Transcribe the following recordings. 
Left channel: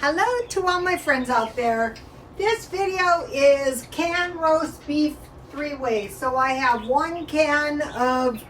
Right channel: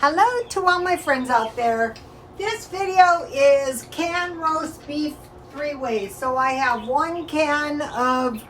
Hello to all my friends out there. This video is canned roast beef 3 ways. So I have 1 can of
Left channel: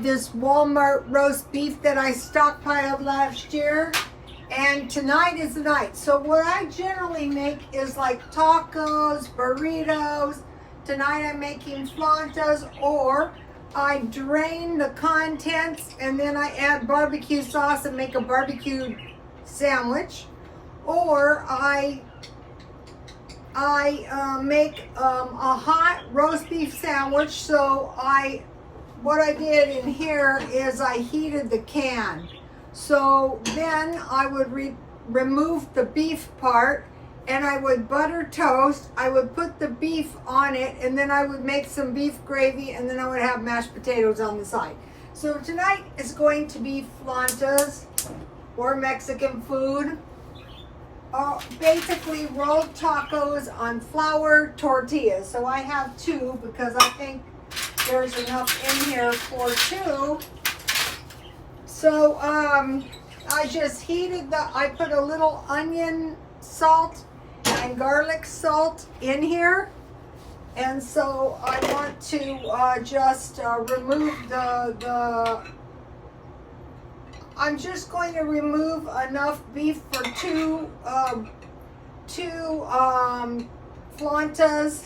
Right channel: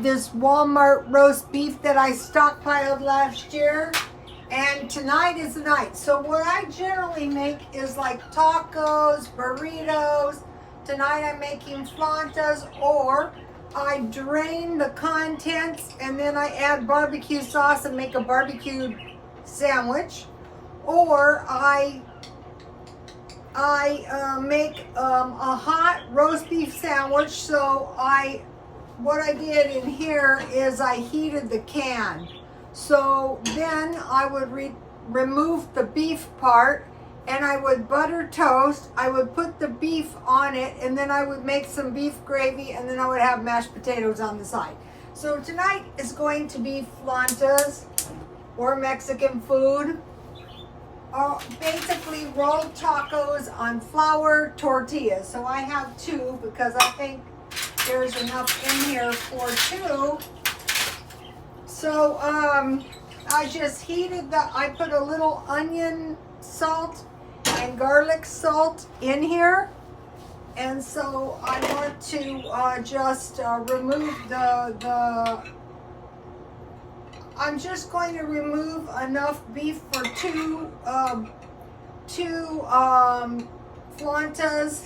this Walmart roast beef that I stockpiled last year. And tonight is the night. So what I generally make is like tacos, burritos. Tonight I'm making flautas, or I drain the contents and then I add barbecue sauce and make a barbecue sandwich. Or I make a hot roast beef sandwich. So what I did in here is I heated the can. So then I would remove the beef part and I would butter toast. I would put the beef on it and then I would make some beef gravy and then I would have mashed potatoes on the side. So tonight is going to be flautas, or Mexican food. Basically rolled tacos on flour tortillas. So I have 2 because I think there's enough in here for 2. So I just heated I put a little onion salt and garlic salt in here. And so I want to just remove I'm just going to remove enough beef for 2 flautas.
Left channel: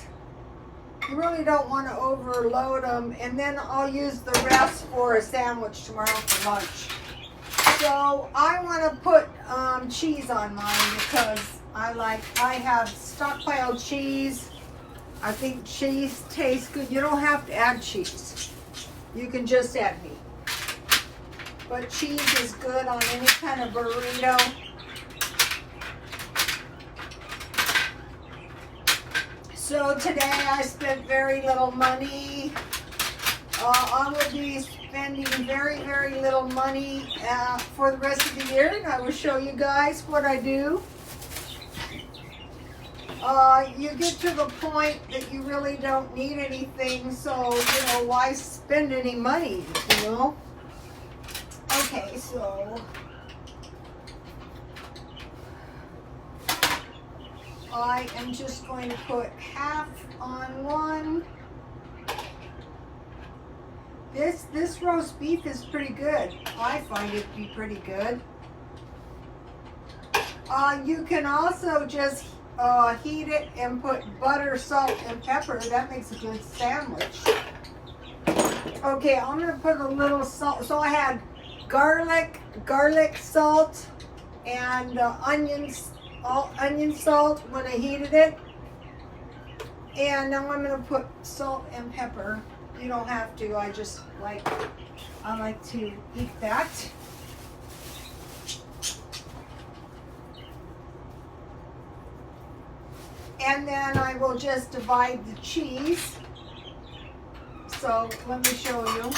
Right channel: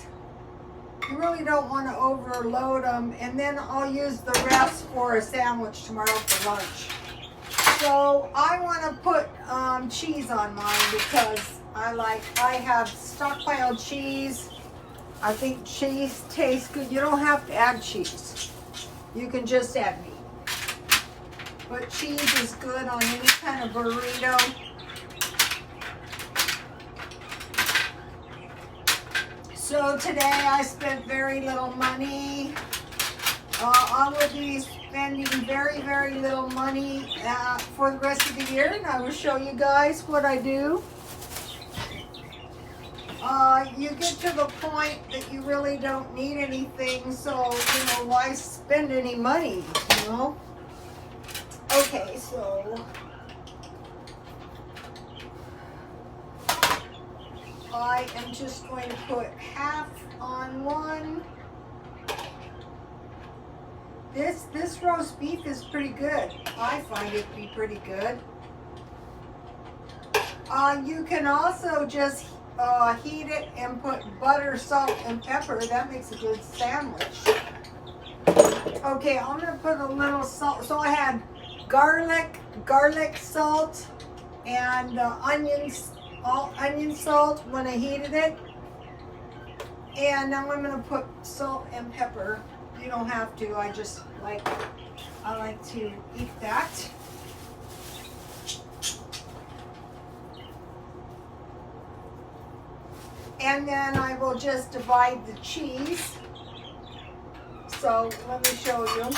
You really don't want to overload them, and then I'll use the rest for a sandwich tomorrow for lunch. So I want to put cheese on mine because I have stockpiled cheese. I think cheese tastes good. You don't have to add cheese. You can just add meat. But cheese is good on any kind of burrito. So today I spent very little money. I will be spending very, very little money for the rest of the year, and I will show you guys what I do. You get to the point that you really don't need anything, so, why spend any money, Okay, so I am just going to put half on one. This roast beef is pretty good. I find it to be pretty good. You can also just heat it and put butter, salt, and pepper. That makes a good sandwich. Okay, I'm going to put a little salt. So I had garlic salt, and onion salt when I heated it. And now I'm going to put salt and pepper. You don't have to. I like to eat that. And then I will just divide the cheese. So let me show you.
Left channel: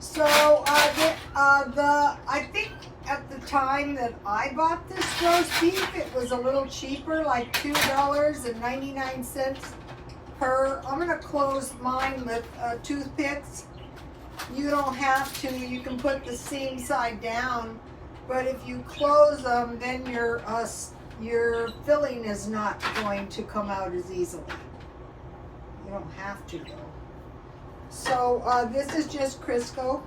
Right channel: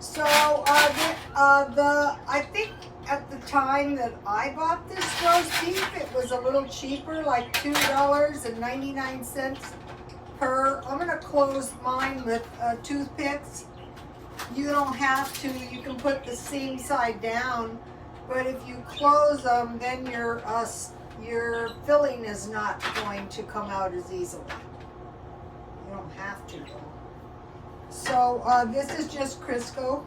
So I think at the time that I bought this roast beef, it was a little cheaper, like $2.99 per. I'm gonna close mine with toothpicks. You don't have to. You can put the seam side down, but if you close them, then your filling is not going to come out as easily. You don't have to though. So this is just Crisco,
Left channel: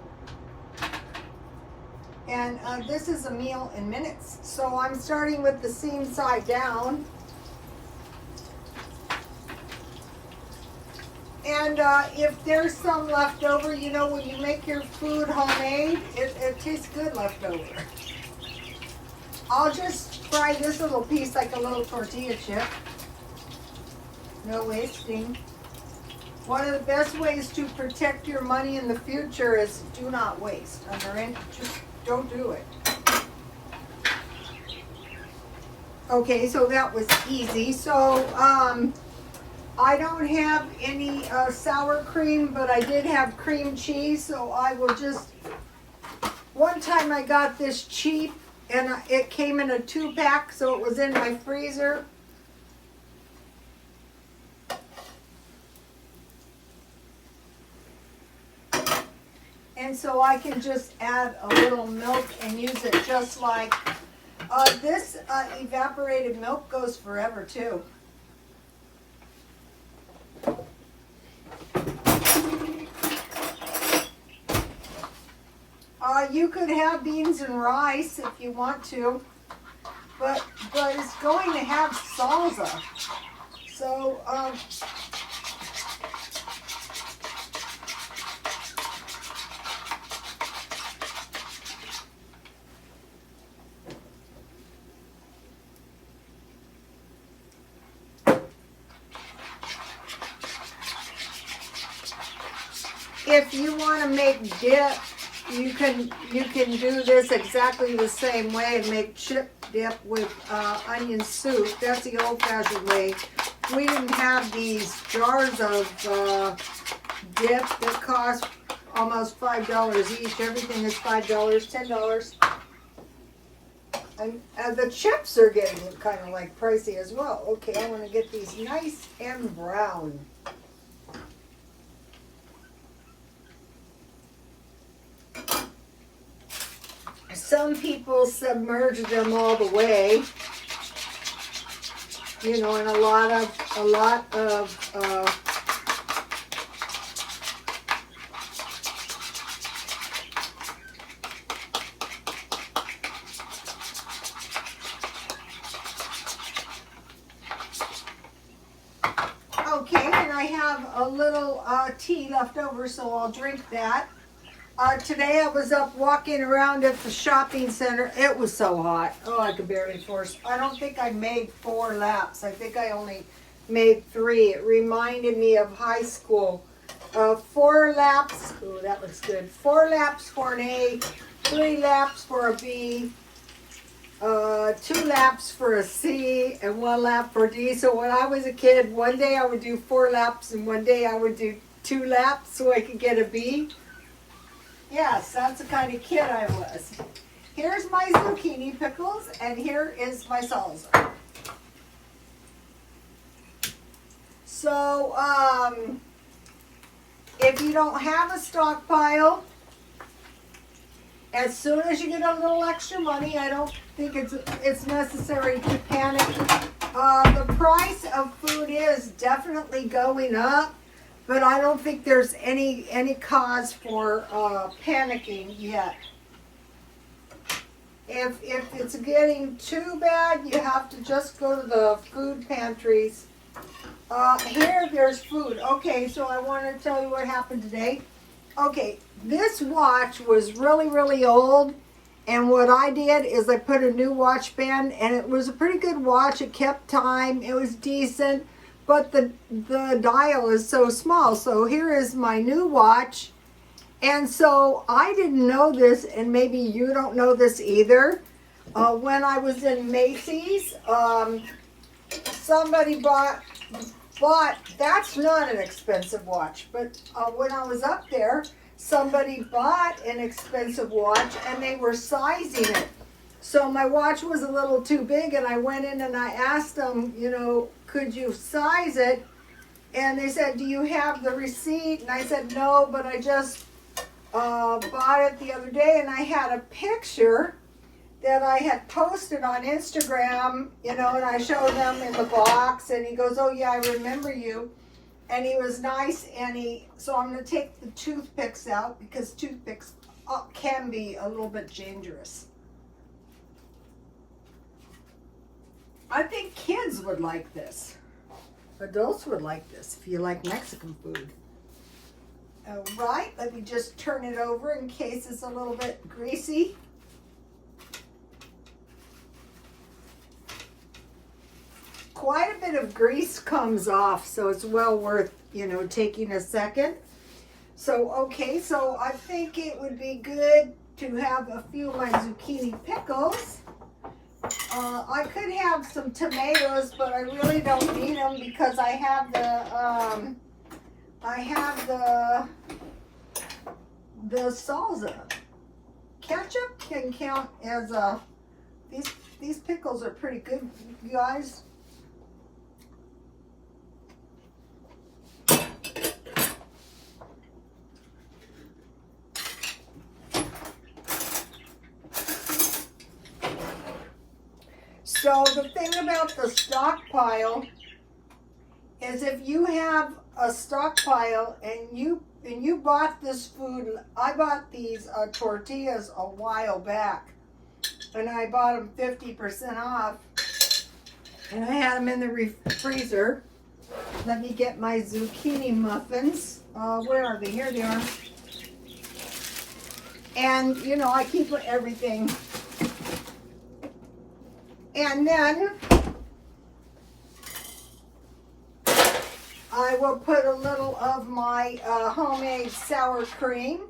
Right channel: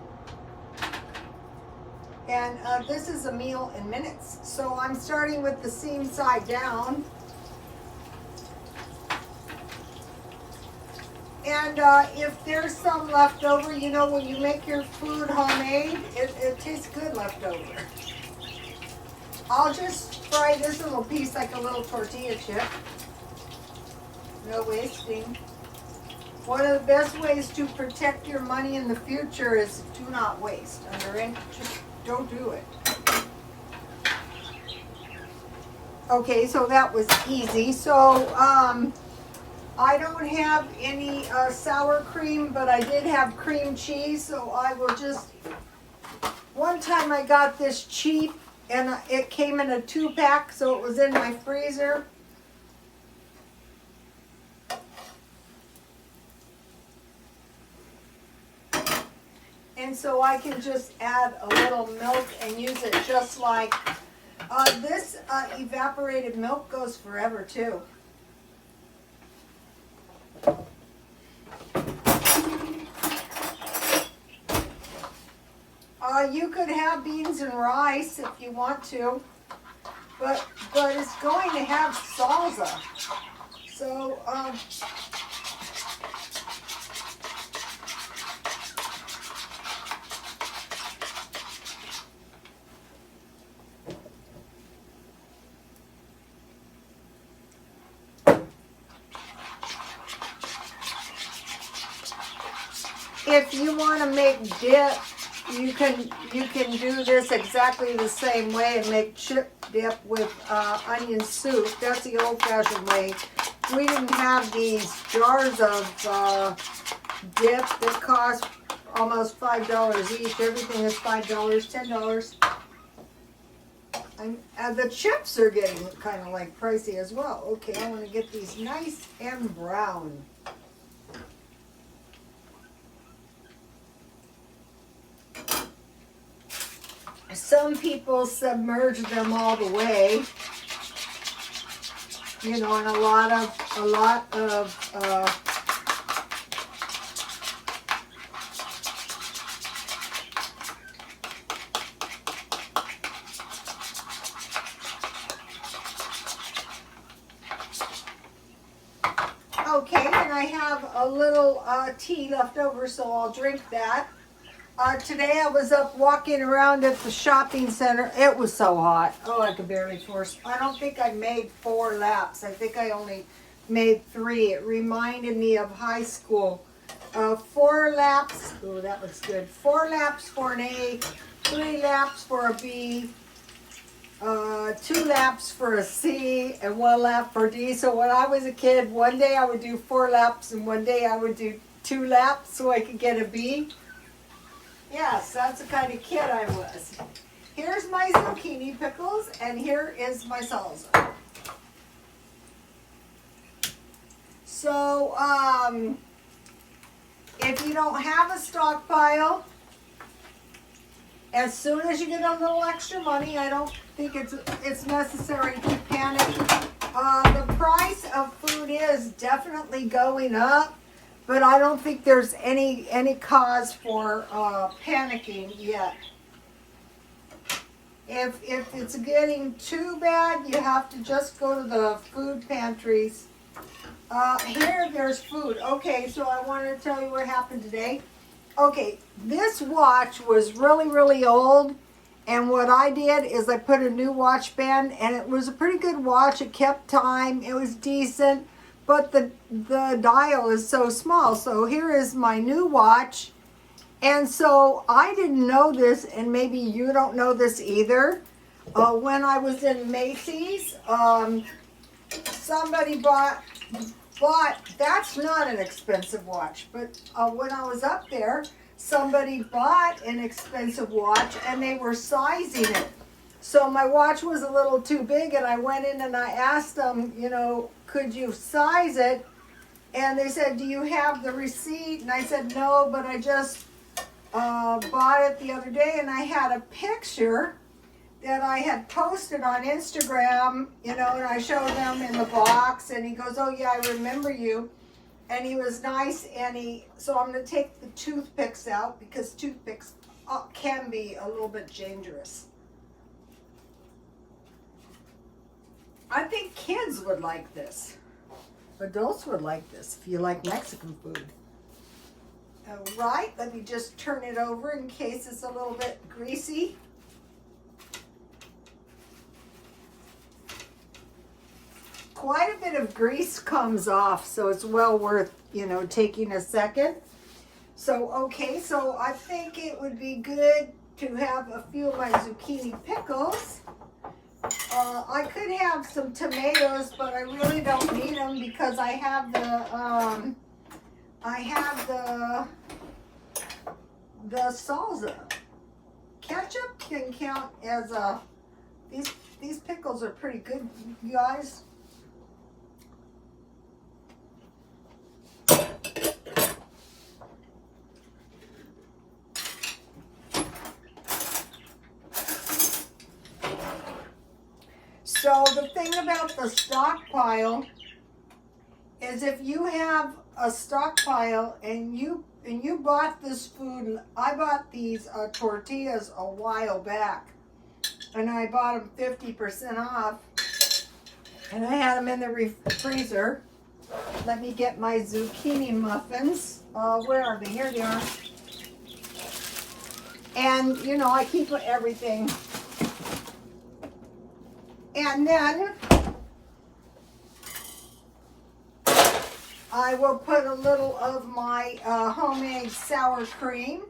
and this is a meal in minutes. So I'm starting with the seam side down, and if there's some left over, when you make your food homemade, it tastes good left over. I'll just fry this little piece like a little tortilla chip. No wasting. One of the best ways to protect your money in the future is do not waste. Just don't do it. Okay, so that was easy. So I don't have any sour cream, but I did have cream cheese. So I will just, one time I got this cheap and it came in a 2-pack, so it was in my freezer. And so I can just add a little milk and use it just like this evaporated milk goes forever too. You could have beans and rice if you want to, but it's going to have salsa. So if you want to make dip, you can do this exactly the same way and make chip dip with onion soup. That's the old-fashioned way. We didn't have these jars of dip that cost almost $5 each. Everything is $5, $10. And the chips are getting kind of like pricey as well. Okay, I want to get these nice and brown. Some people submerge them all the way, you know, and a lot of okay, and I have a little tea left over, so I'll drink that. Today I was up walking around at the shopping center. It was so hot. Oh, I could barely force. I don't think I made 4 laps. I think I only made 3. It reminded me of high school. 4 laps. Oh, that looks good. 4 laps for an A, 3 laps for a B, 2 laps for a C, and 1 lap for D. So when I was a kid, one day I would do 4 laps and one day I would do 2 laps so I could get a B. Yes, that's the kind of kid I was. Here's my zucchini pickles, and here is my salsa. So, if you don't have a stockpile, as soon as you get a little extra money, I don't think it's necessary to panic. The price of food is definitely going up. But I don't think there's any cause for panicking yet. If it's getting too bad, you have to just go to the food pantries. Here, there's food. Okay, so I want to tell you what happened today. Okay, this watch was really, really old. And what I did is I put a new watch band, and it was a pretty good watch. It kept time. It was decent. But the dial is so small. So here is my new watch. And so I didn't know this, and maybe you don't know this either. When I was in Macy's, somebody bought, that's not an expensive watch, but when I was up there, somebody bought an expensive watch and they were sizing it. So my watch was a little too big, and I went in and I asked them, you know, could you size it? And they said, do you have the receipt? And I said, no, but I just bought it the other day, and I had a picture that I had posted on Instagram, you know, and I showed him in the box, and he goes, oh yeah, I remember you. And he was nice, and so I'm going to take the toothpicks out, because toothpicks can be a little bit dangerous. I think kids would like this. Adults would like this if you like Mexican food. All right, let me just turn it over in case it's a little bit greasy. Quite a bit of grease comes off, so it's well worth, you know, taking a second. So, okay, so I think it would be good to have a few of my zucchini pickles. I could have some tomatoes, but I really don't need them because I have the salsa. Ketchup can count as these pickles are pretty good, you guys. So the thing about the stockpile is if you have a stockpile and you bought this food, I bought these tortillas a while back, and I bought them 50% off, and I had them in the freezer. Let me get my zucchini muffins. Where are they? Here they are. And, you know, I keep everything. And then I will put a little of my homemade sour cream.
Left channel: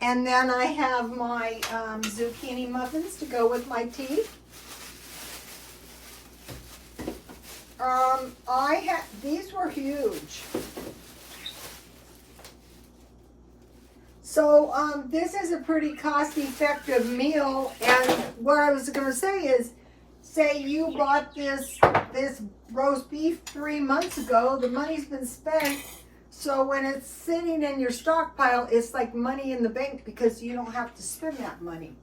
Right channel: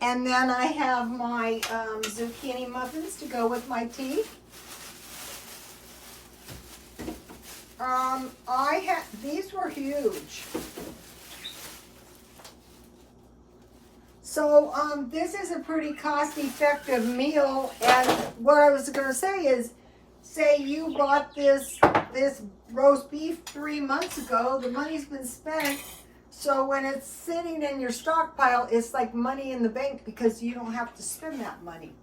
And then I have my zucchini muffins to go with my tea. These were huge. So this is a pretty cost-effective meal. And what I was going to say is, say you bought this roast beef 3 months ago, the money's been spent. So when it's sitting in your stockpile, it's like money in the bank because you don't have to spend that money.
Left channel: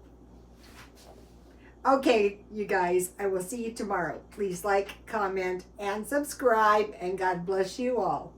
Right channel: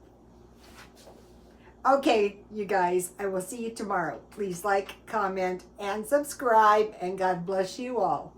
Okay, you guys, I will see you tomorrow. Please like, comment, and subscribe, and God bless you all.